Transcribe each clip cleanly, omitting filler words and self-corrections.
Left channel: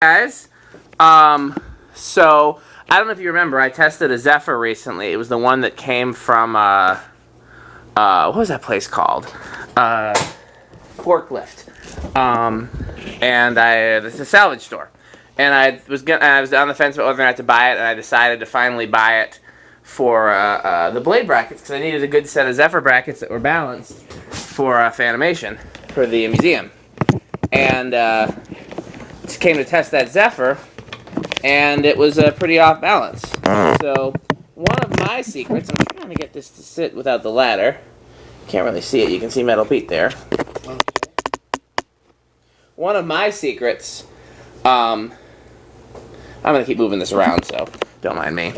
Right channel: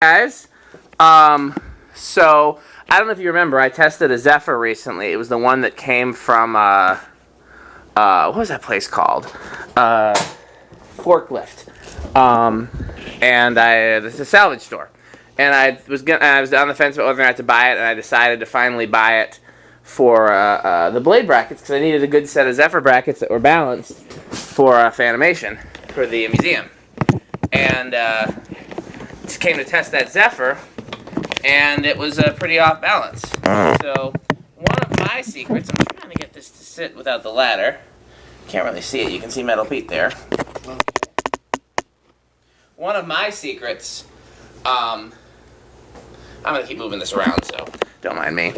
Guys, so I don't know if you remember, I tested a Zephyr recently. It was the one that came from what was that place called? Forklift. It's a salvage store, and I was on the fence about whether or not to buy it, and I decided to finally buy it for the blade brackets because I needed a good set of Zephyr brackets that were balanced for Fanimation for the museum, and just came to test that Zephyr, and it was pretty off balance. So one of my secrets, I'm trying to get this to sit without the ladder. Can't really see it. You can see Metal Pete there. One of my secrets, I'm going to keep moving this around, so don't mind me.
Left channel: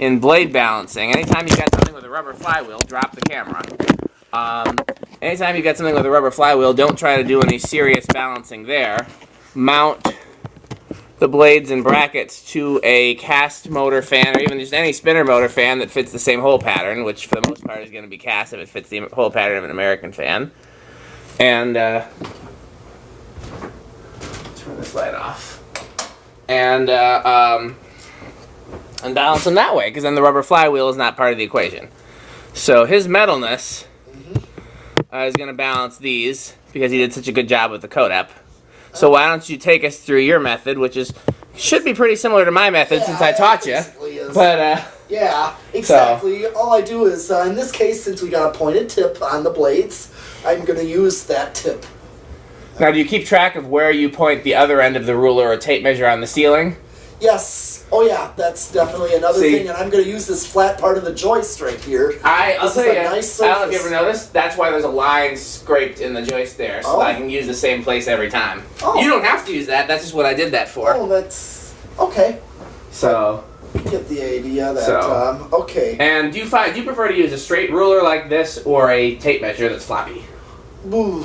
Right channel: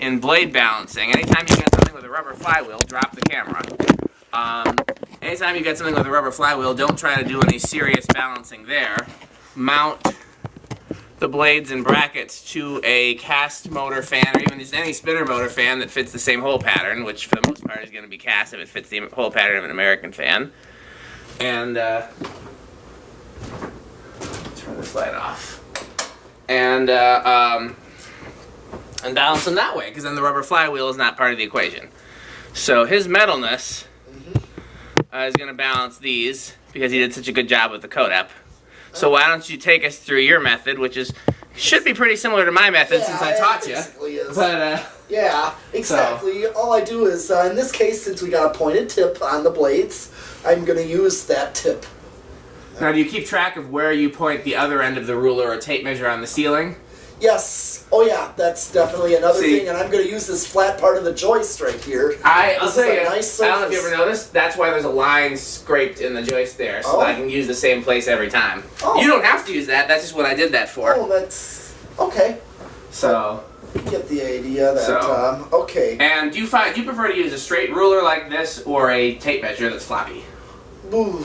In blade balancing, anytime you get something with a rubber flywheel, drop the camera. Anytime you get something with a rubber flywheel, don't try to do any serious balancing there. Mount the blades and brackets to a cast motor fan, or even just any spinner motor fan that fits the same hole pattern, which for the most part is going to be cast if it fits the hole pattern of an American fan. And turn this light off. And balance them that way, because then the rubber flywheel is not part of the equation. So his metalness is going to balance these, because he did such a good job with the Codep. So why don't you take us through your method, which should be pretty similar to my method since I taught you. But yeah, exactly. So. All I do is, in this case, since we got a pointed tip on the blades, I'm going to use that tip. Now, do you keep track of where you point the other end of the ruler or tape measure on the ceiling? Yes. Oh, yeah. That's definitely another thing. And I'm going to use this flat part of the joist right here. I'll tell you, nice I don't know if you ever noticed, that's why there's a line scraped in the joist there, so that I can use the same place every time. Oh. You don't have to use that. That's just what I did that for. Oh, that's... Okay. So... You get the idea that, okay. And do you prefer to use a straight ruler like this or a tape measure that's floppy? Ooh.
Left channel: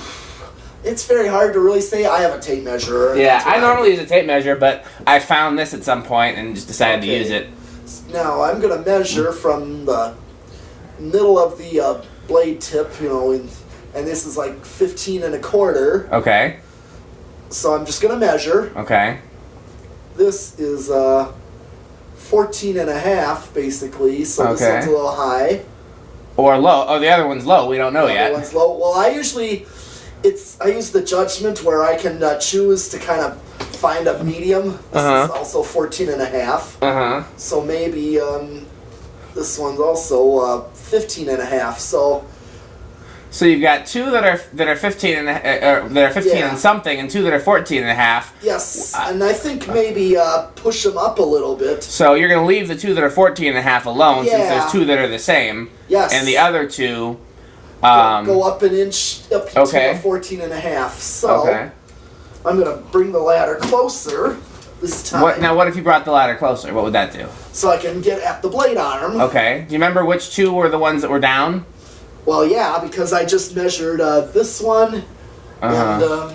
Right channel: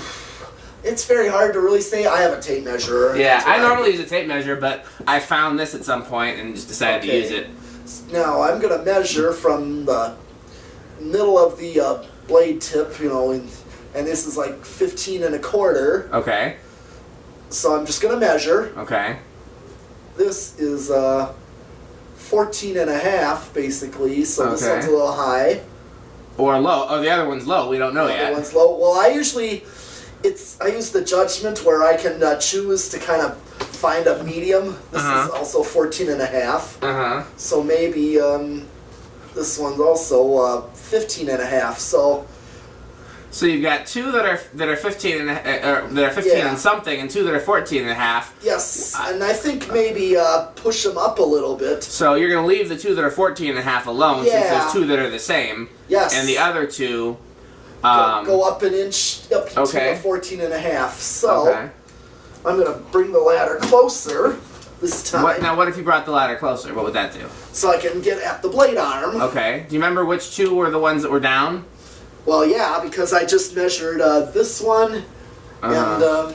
It's very hard to really say. I have a tape measure. Yeah, I normally use a tape measure, but I found this at some point and just decided to use it. Now, I'm going to measure from the middle of the blade tip, and this is like 15 1/4. Okay. So I'm just going to measure. Okay. This is 14 1/2, basically, so this one's a little high. Or low. Oh, the other one's low. We don't know yet. The other one's low. Well, I usually... I use the judgment where I can choose to kind of find a medium. This is also 14 1/2. So maybe this one's also 15 1/2. So you've got two that are 15 and something, and two that are 14 1/2. Yes, and I think maybe push them up a little bit. So you're going to leave the two that are 14 1/2 alone, since there's two that are the same. Yes. And the other two. Go up an inch, up to a 14 1/2. So, I'm going to bring the ladder closer this time. Now, what if you brought the ladder closer? What would that do? So I can get at the blade arm. Okay. Do you remember which two were the ones that were down? Well, yeah, because I just measured this one, and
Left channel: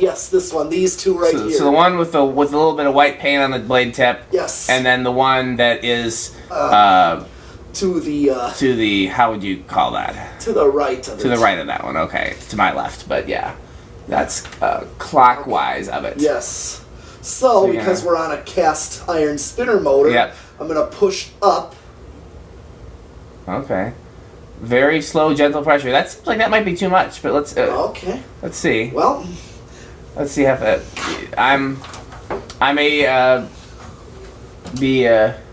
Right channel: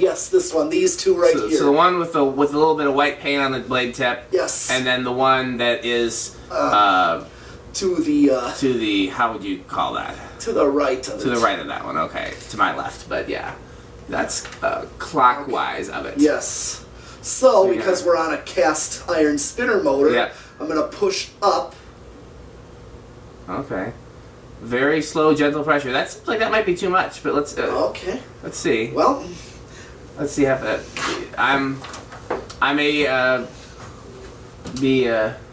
yes, this one. These two here. So the one with a little bit of white paint on the blade tip. Yes. And then the one that is... to the how would you call that? To the right of it. To the right of that one, okay. To my left, but yeah. That's clockwise of it. Yes. So because we're on a cast iron spinner motor, I'm going to push up. Okay. Very slow, gentle pressure. That seems like that might be too much, but let's... Let's see. Well... Let's see how that... I may be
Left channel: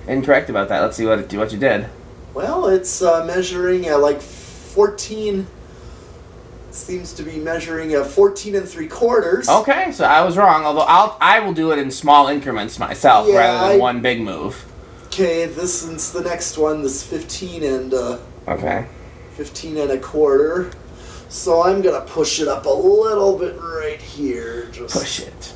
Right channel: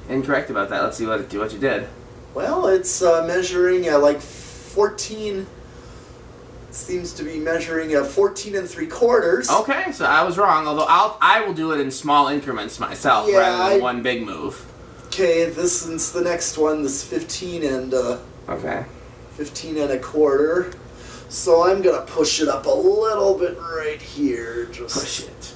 incorrect about that. Let's see what you did. Well, it's measuring like 14. Seems to be measuring 14 3/4. Okay, so I was wrong. Although I will do it in small increments myself rather than one big move. Okay, this is the next one. This 15 and 15 1/4. So I'm gonna push it up a little bit right here. Just push it.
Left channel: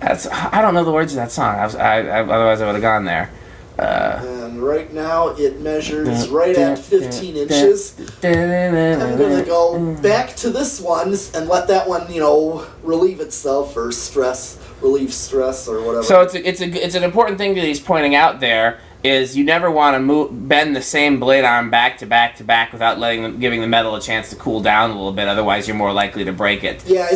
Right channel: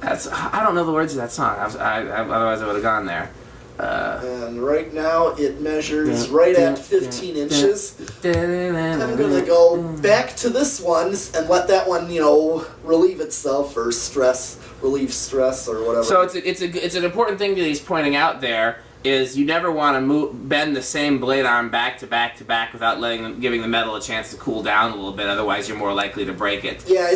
I don't know the words of that song. Otherwise I would have gone there. And right now it measures right at 15 inches. I'm going to go back to this one and let that one, relieve itself or relieve stress or whatever. So it's an important thing that he's pointing out there is you never want to bend the same blade arm back to back to back without giving the metal a chance to cool down a little bit. Otherwise, you're more likely to break it. Yeah,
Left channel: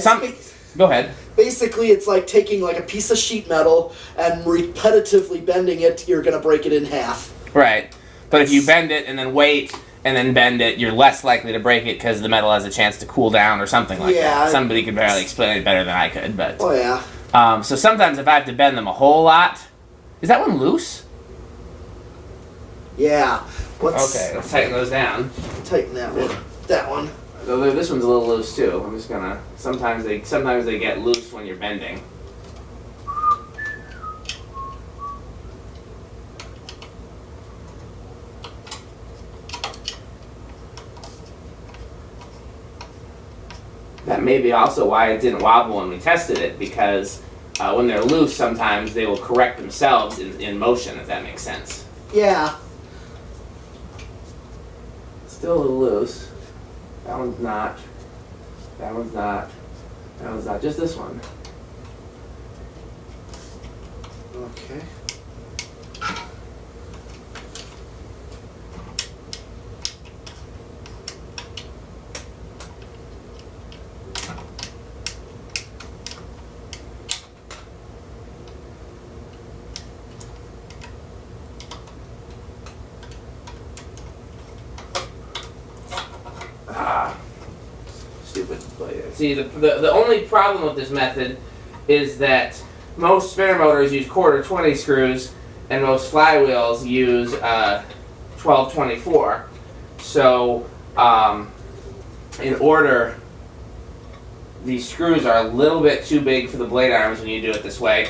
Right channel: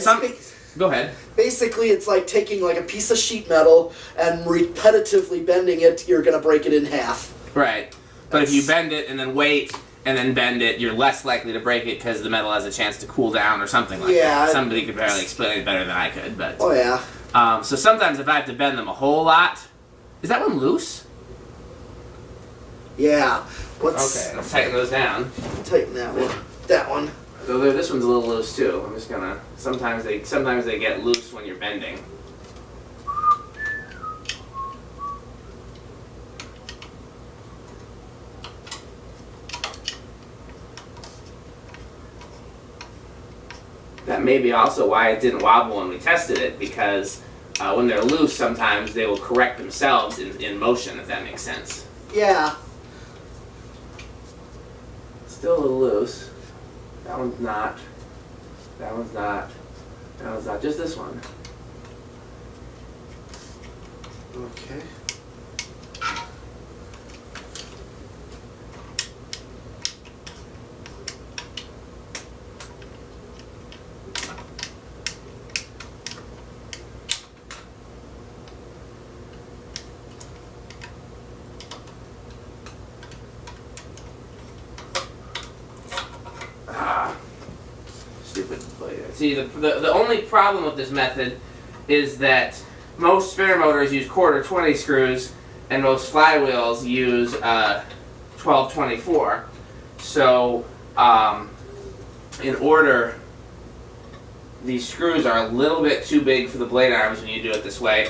go ahead. Basically, it's like taking like a piece of sheet metal and repetitively bending it. You're going to break it in half. Right. But if you bend it and then wait and then bend it, you're less likely to break it because the metal has a chance to cool down or something like that. Somebody could barely explain it better than I could. But oh, yeah. So sometimes if I have to bend them a whole lot... Is that one loose? Yeah. Let's tighten those down. Tighten that one. That one. So this one's a little loose too. I'm just gonna... Sometimes they get loose when you're bending. That may be also why it didn't wobble when we tested it, because when they're loose, sometimes they will correct themselves in motion, if that makes sense. Yeah. Still a little loose. That one's not. That one's not. That one's not. Just this one. Okay. See, the only problem with this method is that most spinner motors use quarter 20 screws and most flywheels use 12/24. So, in order, these screws are a little bit too big for the blade arms when you do it this way.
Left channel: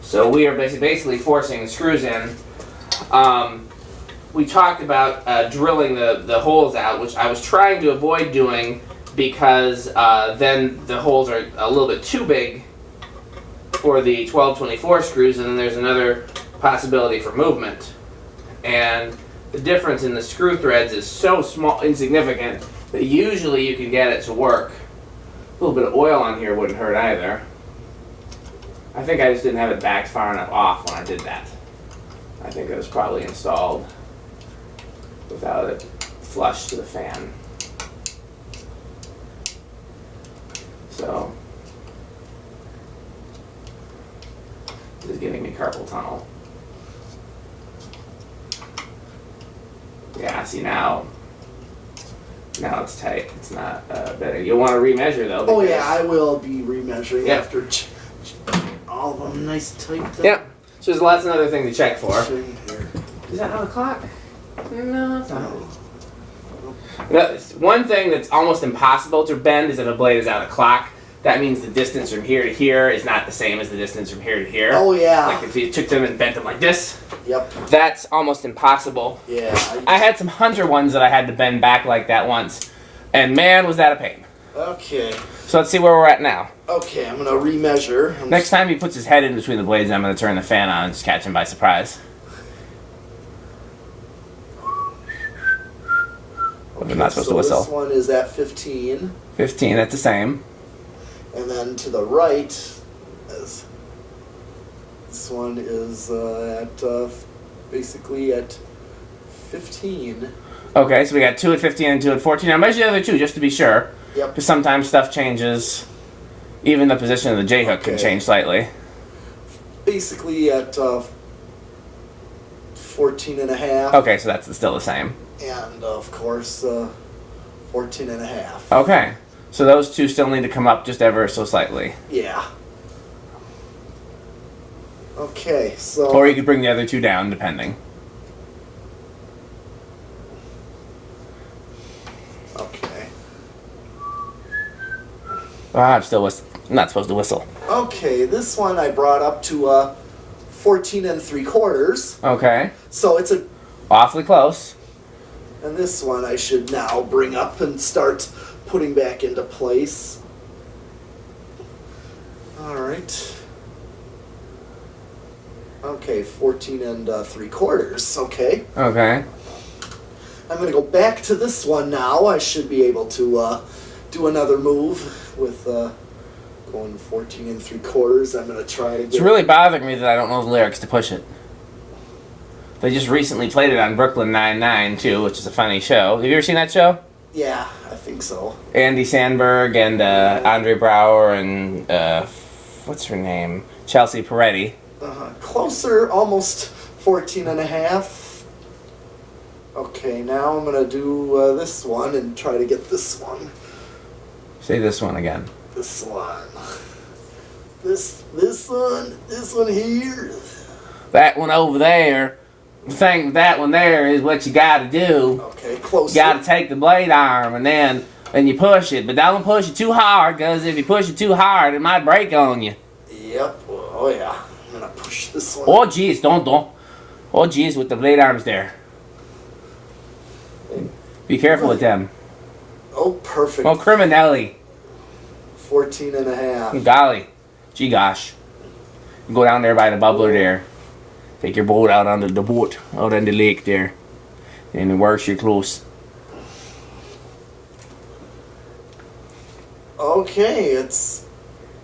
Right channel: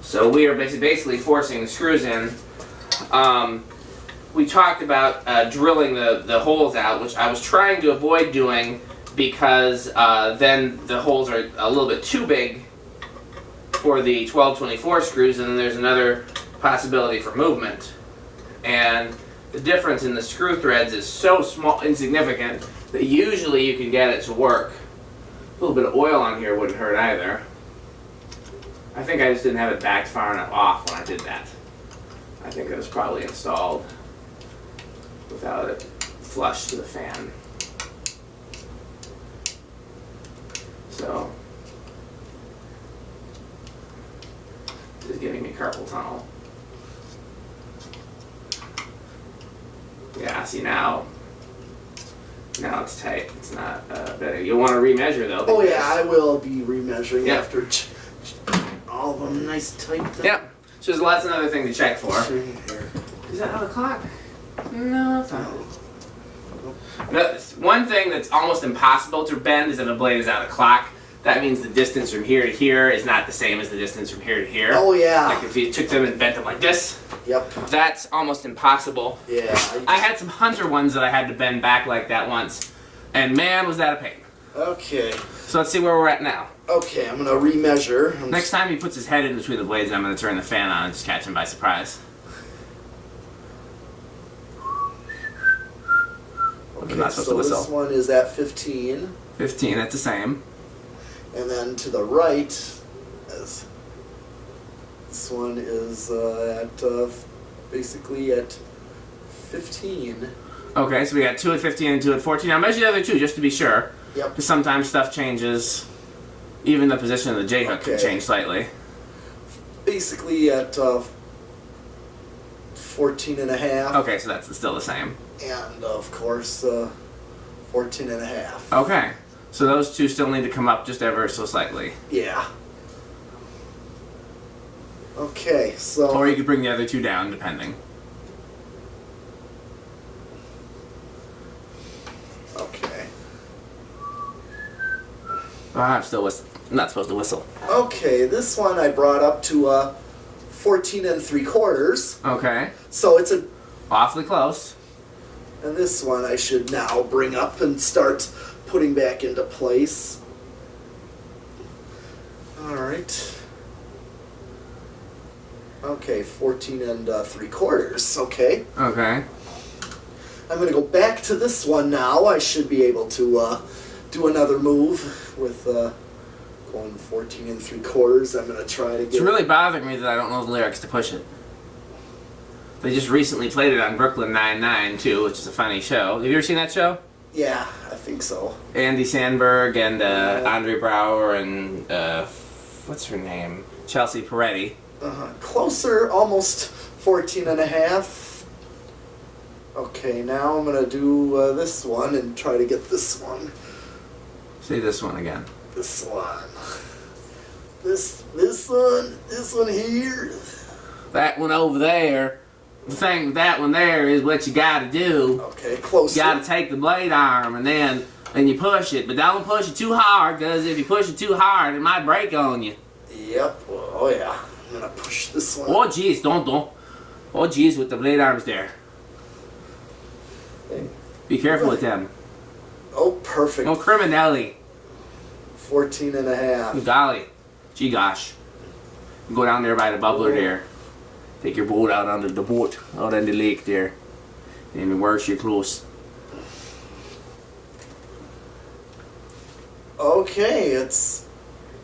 So we are basically forcing the screws in. We talked about drilling the holes out, which I was trying to avoid doing because then the holes are a little bit too big for the 12/24 screws, and then there's another possibility for movement. And the difference in the screw threads is so small, insignificant, that usually you can get it to work. A little bit of oil on here wouldn't hurt either. I think I just didn't have it backed far enough off when I did that. I think it was probably installed without it flush to the fan. So, this is giving me carpal tunnel. Yeah, see now it's tight. It's not better. You'll want to remeasure though. Oh yeah, I will be remeasuring after all of them nice tight. Yep. So that's another thing to check for. Is that on the clock? No, it's not. One thing that's almost impossible to bend is if a blade is out of clock. That means the distance from here to here is not the same as the distance from here to here. Oh yeah. Like if you took them and bent them like this. Yep. That's almost impossible. Yeah. I had some Hunter ones that I had to bend back like that once, and man, was that a pain. Okay. So let's see where we're at now. Okay, I'm gonna remeasure. Next time he puts his head in between the blades, I'm gonna turn the fan on and just catch him by surprise. I'm not supposed to whistle. This one is at 15. 15, that's the same. And then to the right, this one is basically at 15. Okay, so we got 2 at 15 and 2 at 14. Now measure the other two just to be sure. Yep. Because sometimes stuff changes. Even the position of the J-hook can change slightly. Basically at 14 and a half. Okay, so that's still the same. And of course, 14 and a half. Okay. So those two still need to come up just ever so slightly. Yeah. Okay, so... Or you could bring the other two down, depending. Okay. I'm still not supposed to whistle. Okay, this one I brought up to 14 3/4. Okay. So it's a... Awfully close. And this one I should now bring up and start putting back into place. Alright. Okay, 14 3/4. Okay. Okay. I'm going to go back to this one now. I should be able to do another move with going 14 3/4. I'm going to try to get... It's really bothering me that I don't know the lyrics to push it. They just recently played it on Brooklyn Nine-Nine, too, which is a funny show. Have you ever seen that show? Yeah, I think so. Andy Sandberg and Andre Braugher and, what's her name? Chelsea Peretti. Closer, almost 14 and a half. Okay, now I'm going to do this one and try to get this one. Say this one again. This one. This one here. That one over there. The thing with that one there is what you gotta do. Okay, closer. You gotta take the blade arm and then you push it. But don't push it too hard, because if you push it too hard, it might break on you. Yep. Oh, yeah. I'm going to push this one. Oh, jeez, don't. Oh, jeez, with the blade arms there. Be careful with them. Oh, perfect. Oh, criminelli. 14 and a half. Golly. Gee gosh. Go down there by the bubbler there. Take your boat out onto the boat, out in the lake there. And wash your clothes. Okay, it's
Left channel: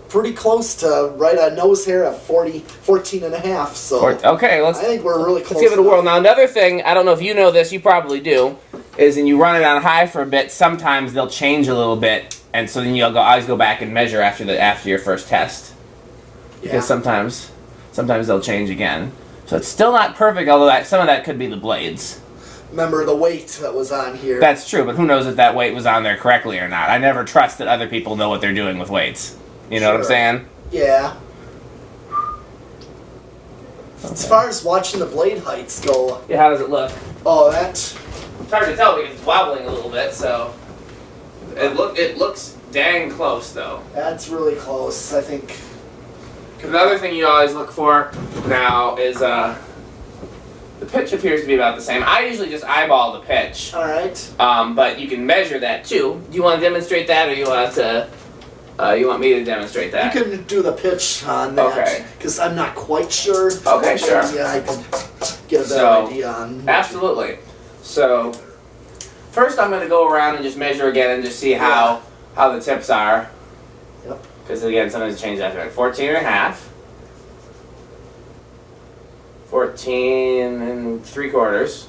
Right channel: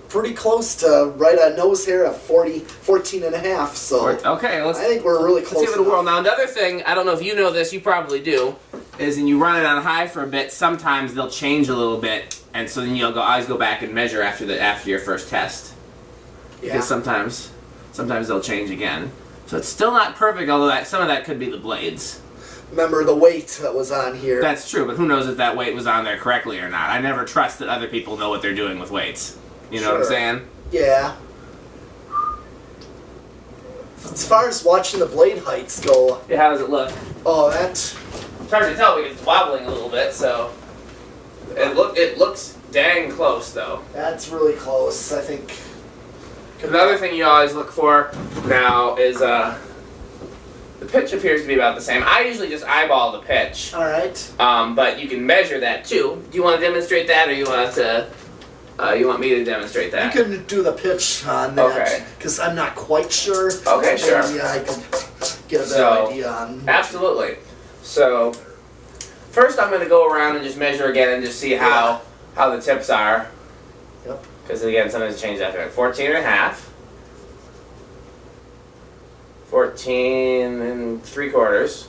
pretty close to right on nose hair at 14 and a half. So okay, I think we're really close. Let's give it a whirl. Now, another thing, I don't know if you know this, you probably do, is when you run it on high for a bit, sometimes they'll change a little bit, and so then you'll always go back and measure after your first test. Yeah. Because sometimes they'll change again. So it's still not perfect, although some of that could be the blades. Remember the weight that was on here. That's true, but who knows if that weight was on there correctly or not. I never trust that other people know what they're doing with weights. You know what I'm saying? Yeah. Okay. As far as watching the blade heights go... Yeah, how does it look? Oh, it's hard to tell because it's wobbling a little bit, so... It looks dang close, though. That's really close, I think. The other thing you always look for now is the pitch appears to be about the same. I usually just eyeball the pitch. All right. But you can measure that too. Do you want to demonstrate that, or you want me to demonstrate that? You can do the pitch on that. Okay. Because I'm not quite sure. Okay, sure. Yeah, I can get a better idea on. Absolutely. So first, I'm going to go around and just measure again and just see how the tips are. Yep. Because again, sometimes it changes after that. 14 and a half. 14 and 3/4.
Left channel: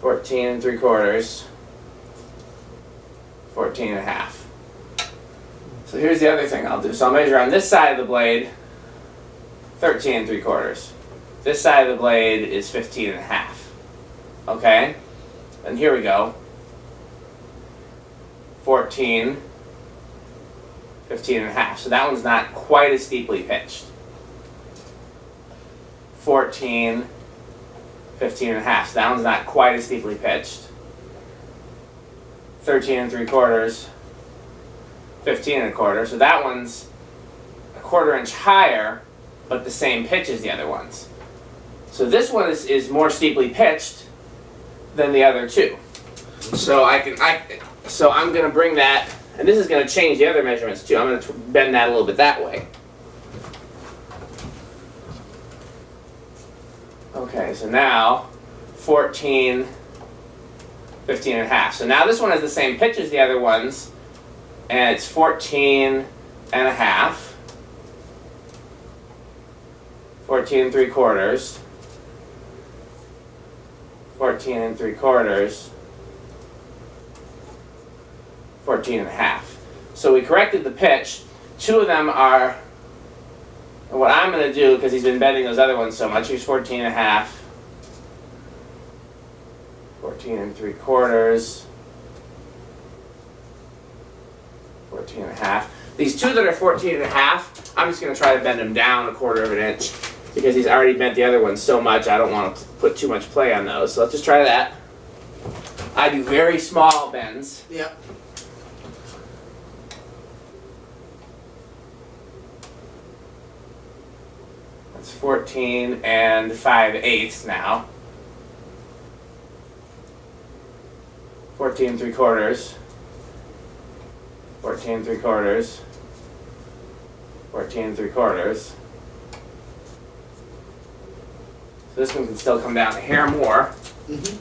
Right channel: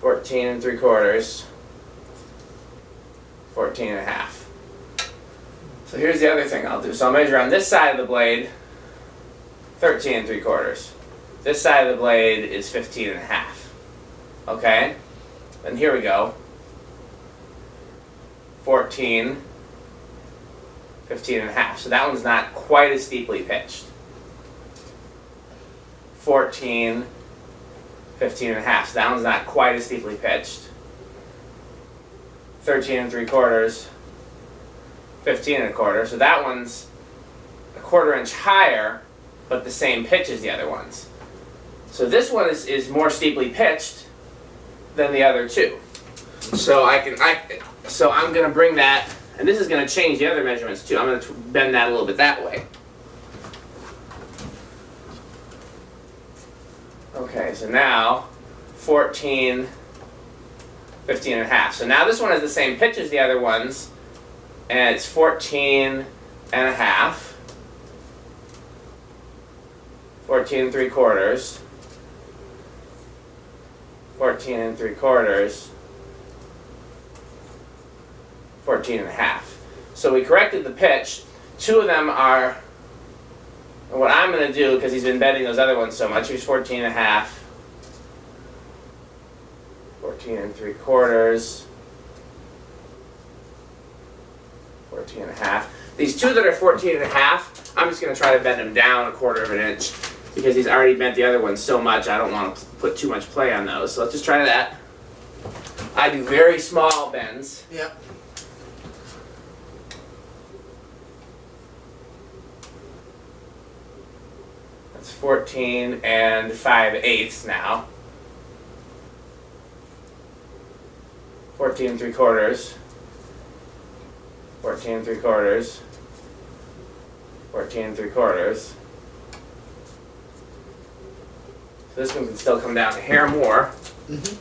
14 and 3/4. 14 and a half. So here's the other thing I'll do. So I'll measure on this side of the blade 13 and 3/4. This side of the blade is 15 and a half. Okay? And here we go. 14, 15 and a half. So that one's not quite as steeply pitched. 14, 15 and a half. So that one's not quite as steeply pitched. 13 and 3/4, 15 and 1/4. So that one's a 1/4 inch higher, but the same pitch as the other ones. So this one is more steeply pitched than the other two. So I'm going to bring that, and this is going to change the other measurements too. I'm going to bend that a little bit that way. Okay, so now 14, 15 and a half. So now this one has the same pitch as the other ones, and it's 14 and a half, 14 and 3/4, 14 and 3/4, 14 and a half. So we corrected the pitch. Two of them are, and what I'm going to do, because he's been bending those other ones so much, here's 14 and a half, 14 and 3/4, 14 and a half. These two that are 14 and a half, I'm just going to try to bend them down 1/4 inch, because he's already bent the other ones so much, I don't want to put too much play on those. So let's just try that. I do very small bends. Yep. That's 14 and 5/8 now. 14 and 3/4. 14 and 3/4. 14 and 3/4. So this one can still come down a hair more. Mm-hmm.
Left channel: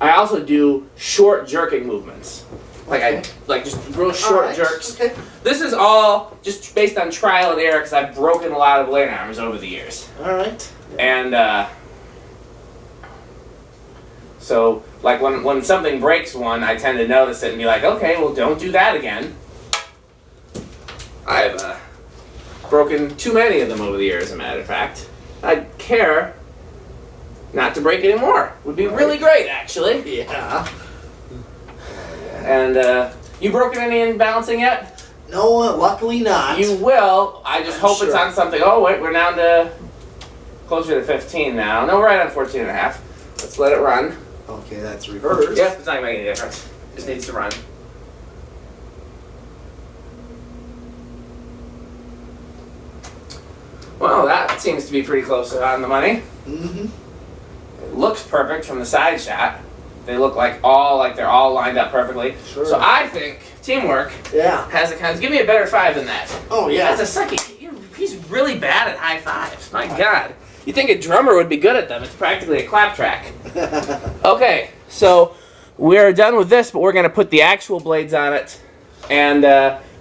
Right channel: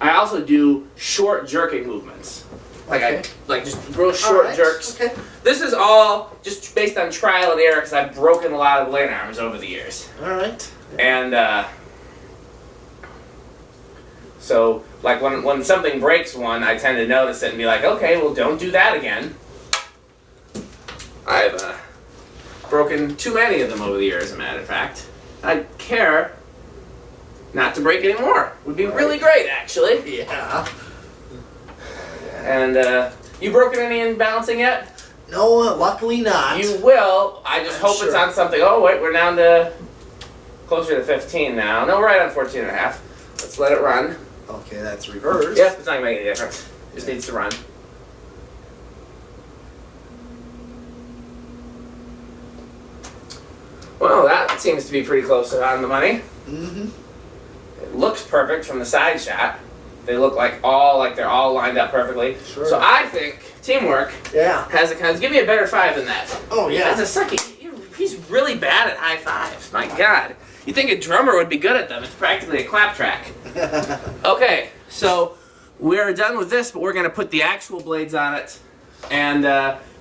I also do short jerking movements. Like just real short Alright, jerks. okay. This is all just based on trial and error because I've broken a lot of blade arms over the years. Alright. And so like when something breaks one, I tend to notice it and be like, okay, well don't do that again. I've broken too many of them over the years, as a matter of fact. I care not to break any more. Would be really great, actually. Yeah. And you broken any in balancing yet? No, luckily not. You will. I just hope it's sure. on something. Oh wait, we're down to closer to 15 now. No, we're right on 14 and a half. Let's let it run. Okay, that's reversed. Yep, it's not gonna make any difference. Just needs to run. Well, that seems to be pretty close on the money. Mm-hmm. It looks perfect from the side shot. They look like they're all lined up perfectly. Sure. So I think teamwork has a kind of, give me a better five than that. Oh, yeah. As a sucky, he's really bad at high fives. My God. You'd think a drummer would be good at them. It's practically a clap track. Okay, so we're done with this, but we're going to put the actual blades on it, and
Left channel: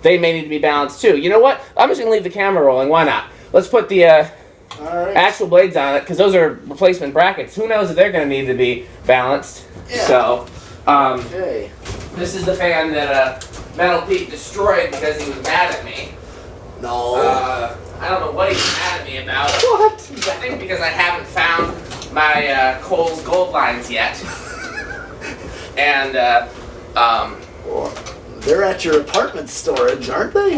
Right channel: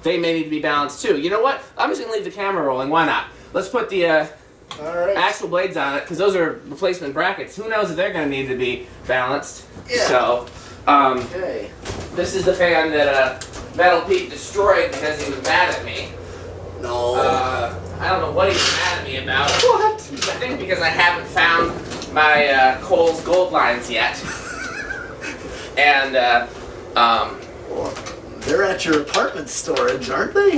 they may need to be balanced too. You know what? I'm just going to leave the camera rolling. Why not? Let's put the actual blades on it, because those are replacement brackets. Who knows if they're going to need to be balanced. Yeah. So, Okay. this is the fan that Metal Pete destroyed because he was mad at me. No. I don't know what he was mad at me about. What? I think because I haven't found my Kohl's gold lines yet. And, They're at your apartment storage, aren't they?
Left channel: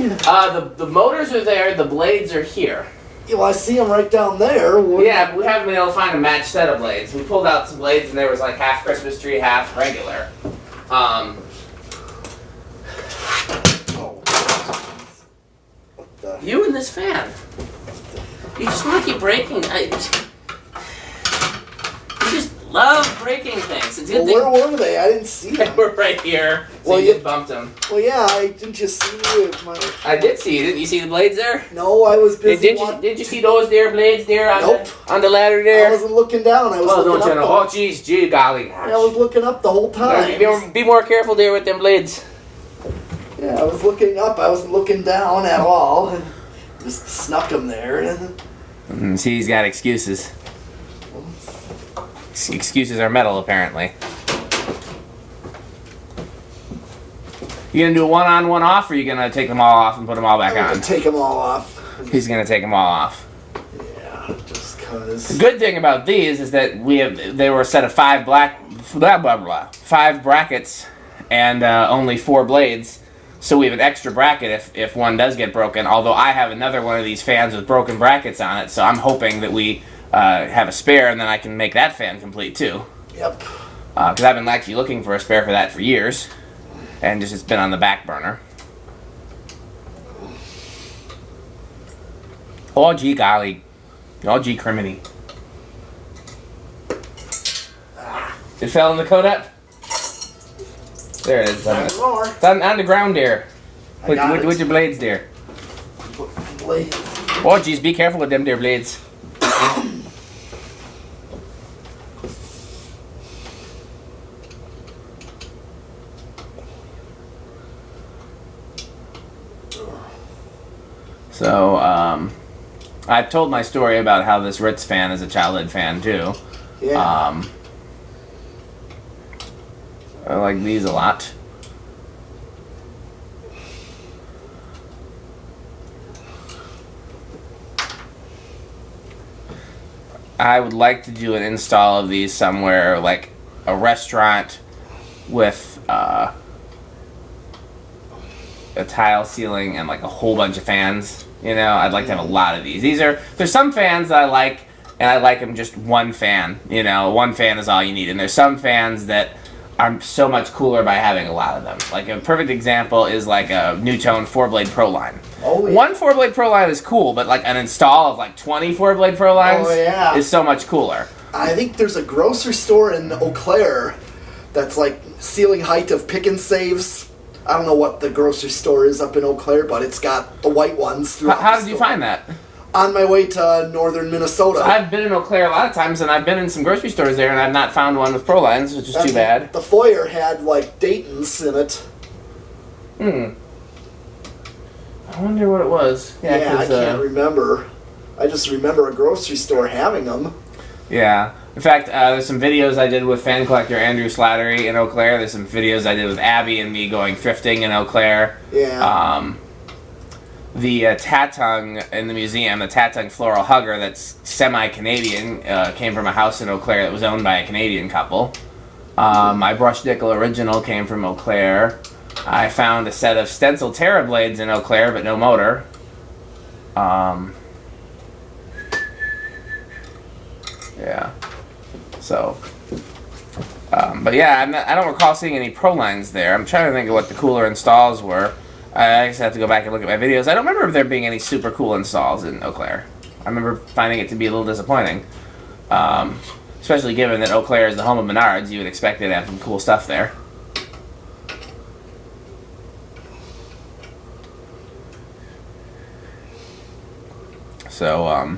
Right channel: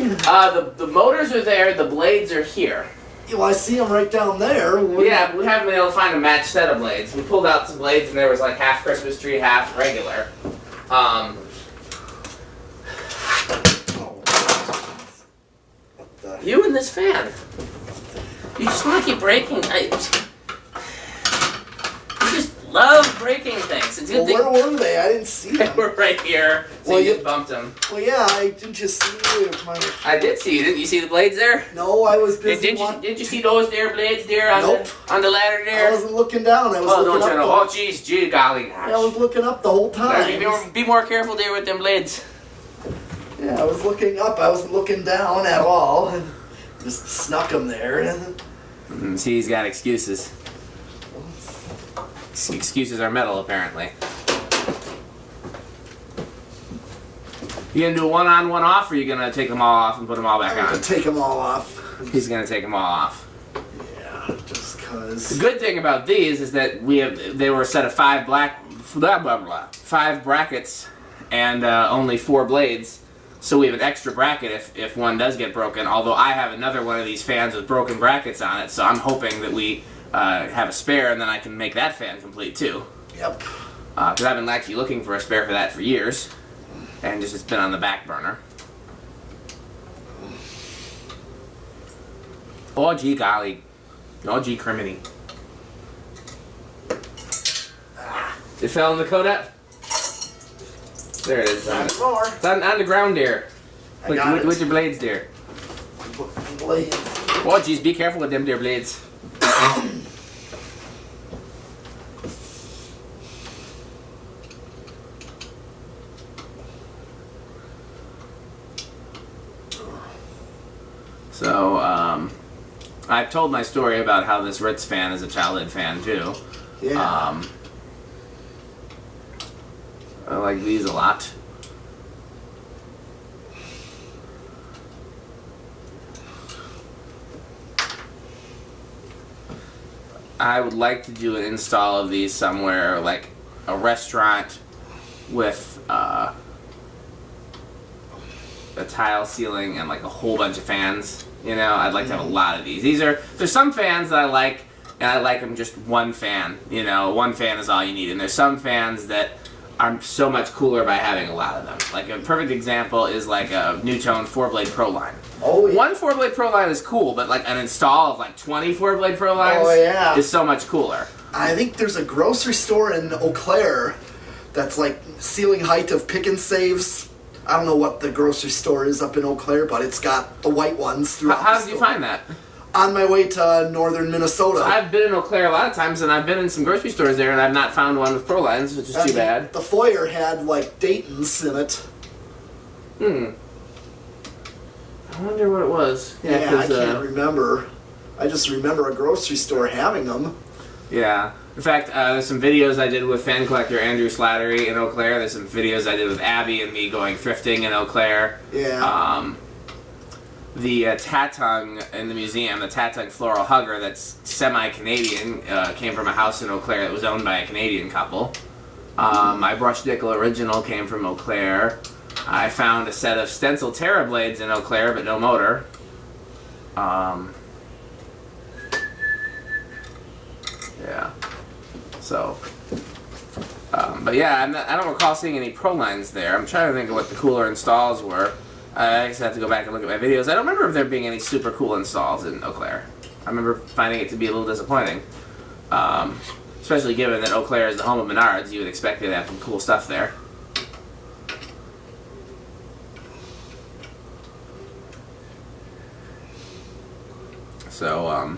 the motors are there, the blades are here. Well, I see them right down there. Yeah, but we haven't been able to find a matched set of blades. We pulled out some blades and there was like half Christmas tree, half regular. You and this fan. You just want to keep breaking. You just love breaking things. It's a good Well, where were they? I didn't see them. We're right here. So Well, you just bumped them. Well, yeah, I didn't just see I did see you. Didn't you see the blades there? No, I was busy. Did you see those there blades there on, Nope. on the ladder there? I wasn't looking down. I was Oh, looking don't you up. know? Oh, jeez, gee, golly gosh. I was looking up the whole time. Be more careful there with them blades. Yeah, I was looking up. I wasn't looking down at all. Just snuck them there. See, he's got excuses. Excuses are metal, apparently. You gonna do a one-on, one-off, or you gonna take them all off and put them all back I'm on? gonna take them all off. He's gonna take them all off. Yeah, just cause. The good thing about these is that they were a set of five brackets and only 4 blades. So we have an extra bracket if one does get broken, although I have another one of these fans with broken brackets on it, so I'm hoping that we have a spare and then I can make that fan complete too. Yep. Because I've been actually looking for a spare for that for years, and just it's been on the back burner. Oh gee golly. Oh gee criminy. It fell in the Kodak? There it is. It's on the ground there. With your blades there. Blades. Oh geez, be careful with them there blades. So, I've told my story about how this Ritz fan is a childhood fan too. Yeah. I like these a lot. I would like to do an install of these somewhere, like a restaurant with a tile ceiling and like a whole bunch of fans. You know, I'd like to have a lot of these. There's some fans that I like, and I like them just one fan. You know, one fan is all you need. And there's some fans that are so much cooler by having a lot of them. Like a perfect example is like a Newtone 4-blade Pro Line. Oh, yeah. One 4-blade Pro Line is cool, but like an install of like 20 4-blade Pro Lines is so much cooler. I think there's a grocery store in Eau Claire that's like ceiling height of pick and saves. I don't know what the grocery store is up in Eau Claire, but it's got the white ones. How did you find that? On my way to northern Minnesota. So I've been in Eau Claire a lot of times, and I've been in some grocery stores there, and I've not found one with Pro Lines, which is too bad. The foyer had like Dayton's in it. I wonder what it was. Yeah, I can't remember. I just remember a grocery store having them. Yeah. In fact, there's some videos I did with fan collector Andrew Slattery in Eau Claire. There's some videos I did with Abby and me going thrifting in Eau Claire. Yeah. The Tatung in the museum, the Tatung floral hugger that's semi-Canadian, came from a house in Eau Claire that was owned by a Canadian couple. My brush nickel original came from Eau Claire. I found a set of stencil Terra blades in Eau Claire, but no motor. Yeah. So, but yeah, I don't recall seeing any Pro lines there. I'm trying to think of what the cooler installs were. I just have to go back and look at my videos. I don't remember there being any super cool installs in Eau Claire. I remember finding it to be a little disappointing. Especially given that Eau Claire is the home of Menards, you would expect it to have some cool stuff there. So,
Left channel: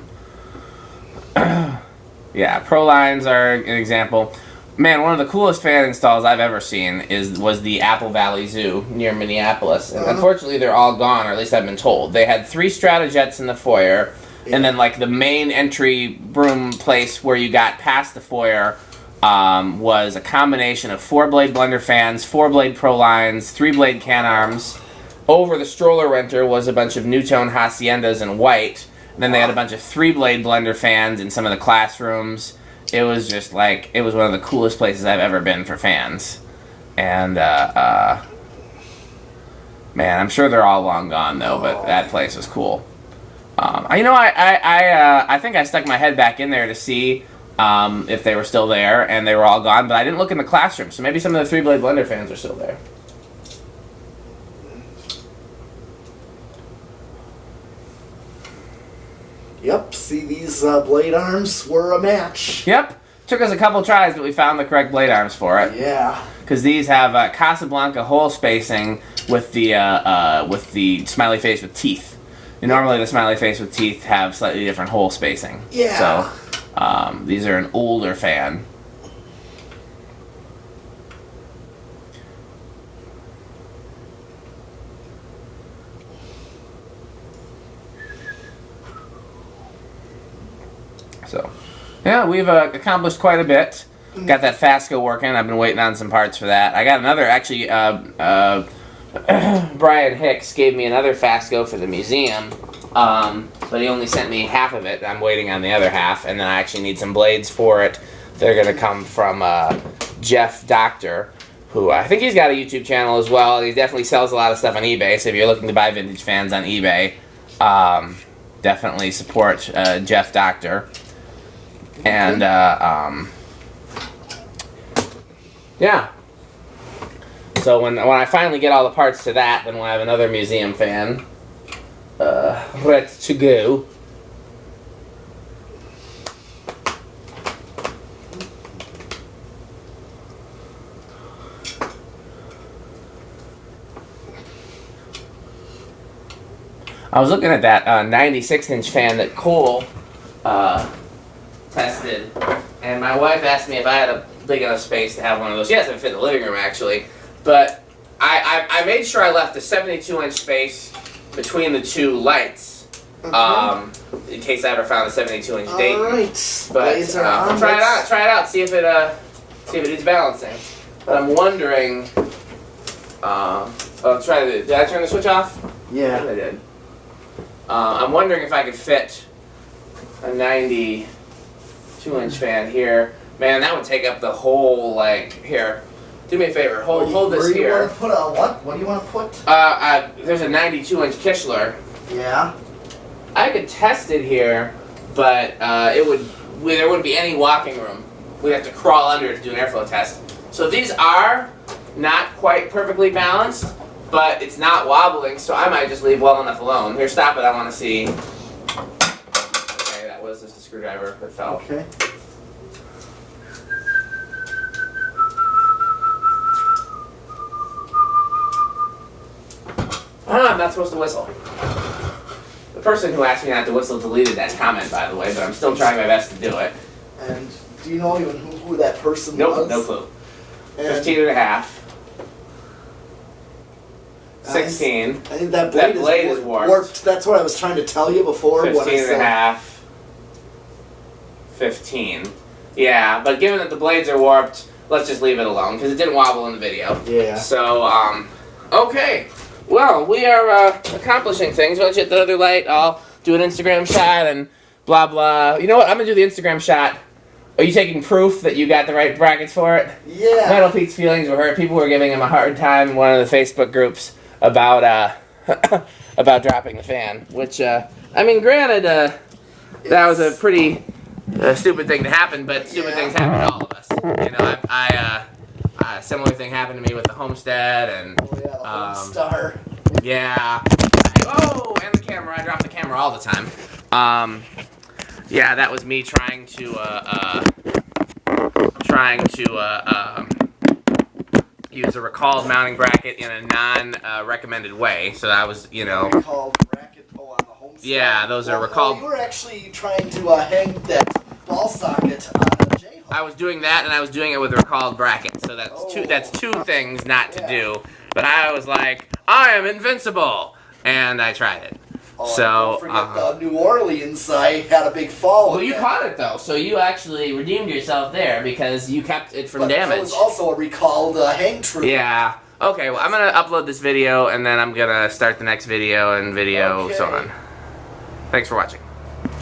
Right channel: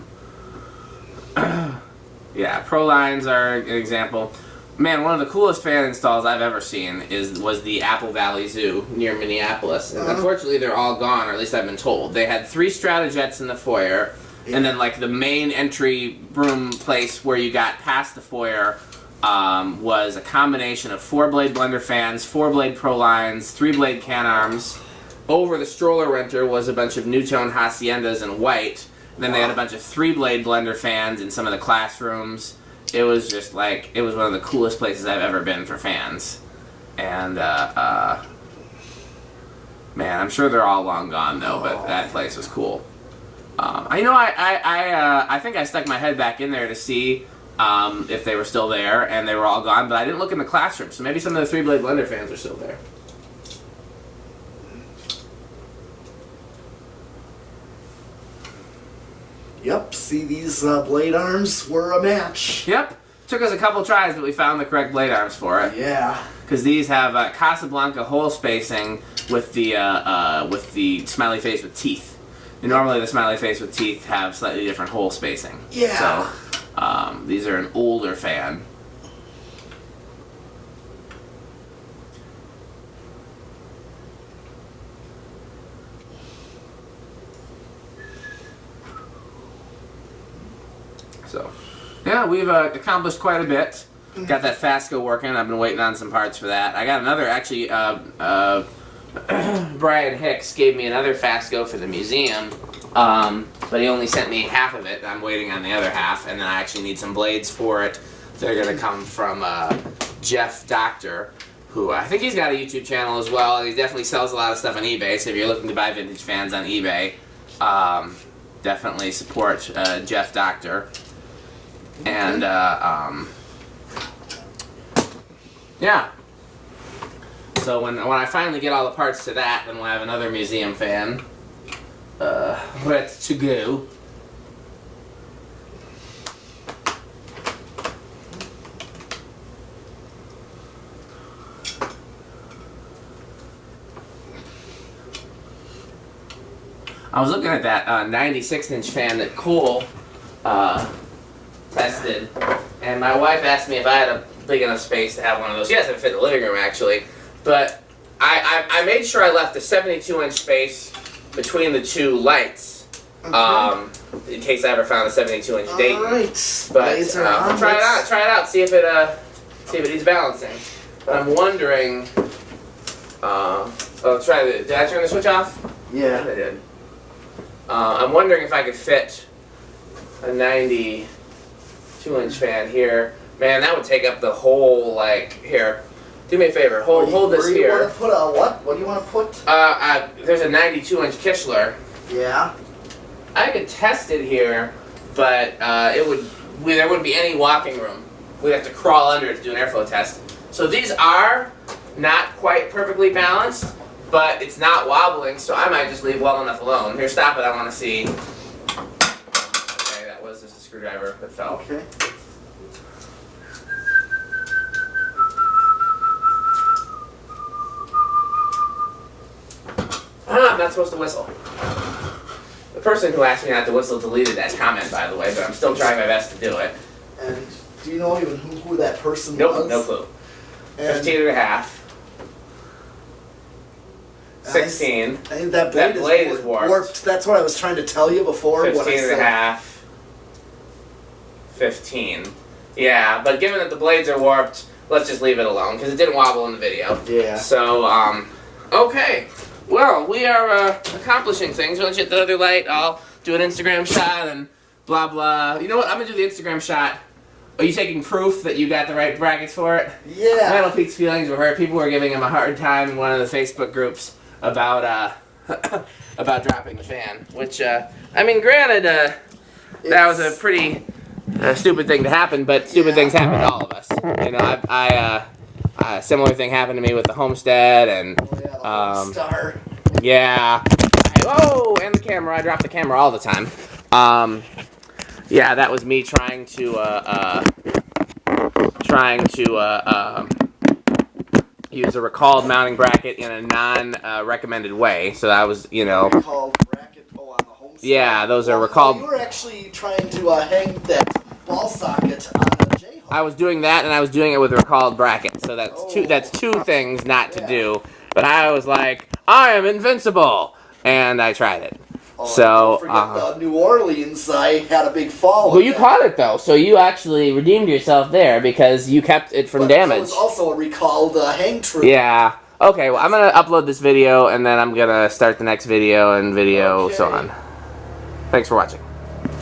yeah, Pro lines are an example. Man, one of the coolest fan installs I've ever seen was the Apple Valley Zoo near Minneapolis. And unfortunately, they're all gone, or at least I've been told. They had 3 Stratojets in the foyer, and then like the main entry room place where you got past the foyer was a combination of 4-blade blender fans, 4-blade Pro lines, 3-blade can arms. Over the stroller renter was a bunch of Newtone Haciendas in white. And then they had a bunch of 3-blade blender fans in some of the classrooms. It was just like, it was one of the coolest places I've ever been for fans. And, man, I'm sure they're all long gone, though, but that place was cool. I think I stuck my head back in there to see if they were still there, and they were all gone, but I didn't look in the classroom, so maybe some of the 3-blade blender fans are still there. Yep, see, these blade arms were a match. Yep. Took us a couple tries, but we found the correct blade arms for it. Yeah. Because these have Casablanca hole spacing with the smiley face with teeth. And normally the smiley face with teeth have slightly different hole spacing. Yeah. So these are an older fan. So, yeah, we've accomplished quite a bit. Got that Fasco working. I've been waiting on some parts for that. I got another, actually, Brian Hicks gave me another Fasco for the museum, but he only sent me half of it. I'm waiting on the other half, and then I actually need some blades for it. They're going to come from Jeff Doctor, who I think he's got a YouTube channel as well. He definitely sells a lot of stuff on eBay, so if you're looking to buy vintage fans on eBay, definitely support Jeff Doctor. And, yeah. So when I finally get all the parts to that, then we'll have another museum fan ready to go. I was looking at that 96-inch fan that Cole tested, and my wife asked me if I had a big enough space to have one of those. Yes, it fit in the living room, actually. But I made sure I left a 72-inch space between the 2 lights, in case I ever found a 72-inch Dayton. Right. But I'll try it out, see if it needs balancing. But I'm wondering. Did I turn the switch off? Yeah. I did. I'm wondering if I could fit a 92-inch fan here. Man, that would take up the whole, here. Do me a favor, hold this here. Where do you want to put a what? What do you want to put? There's a 92-inch Kichler. Yeah. I could test it here, but there wouldn't be any walking room. We'd have to crawl under it to do an airflow test. So these are not quite perfectly balanced, but it's not wobbling, so I might just leave well enough alone. Here, stop it, I want to see. Okay, that was just a screwdriver that fell. Okay. I'm not supposed to whistle. The person who asked me not to whistle deleted that comment, by the way, but I'm still trying my best to do it. And do you know even who that person was? Nope, no clue. 15 and a half. 16. I think that blade, is warped. That's what I was trying to tell you before. 15 and a half. 15. Yeah, but given that the blades are warped, let's just leave it alone, because it didn't wobble in the video. Yeah. So, okay. Well, we are accomplishing things. Once you hit the other light, I'll do an Instagram shot and blah, blah. You know what? I'm going to do the Instagram shot. Are you taking proof that you got the right brackets for it? Yeah. Metal Pete's feelings were hurt. People were giving him a hard time in one of the Facebook groups about about dropping the fan. Which, I mean, granted, that was a pretty stupid thing to happen, but stupid things happen to all of us. You know, a similar thing happened to me with the Homestead, and Star. yeah. Oh, and the camera. I drop the camera all the time. Yeah, that was me trying to use a recalled mounting bracket in a non-recommended way. So that was, you know. Recalled bracket on the Homestead. Yeah, those are recalled. You were actually trying to hang that ball socket on the J-hook. I was doing that, and I was doing it with a recalled bracket. So that's two things not to do. But I was like, I am invincible, and I tried it. Oh, so, don't forget New Orleans, I had a big fall. Well, you caught it, though, so you actually redeemed yourself there because you kept it from damage. That was also a recalled hang tree. Yeah. Okay, well, I'm going to upload this video, and then I'm going to start the next video and so on. Thanks for watching.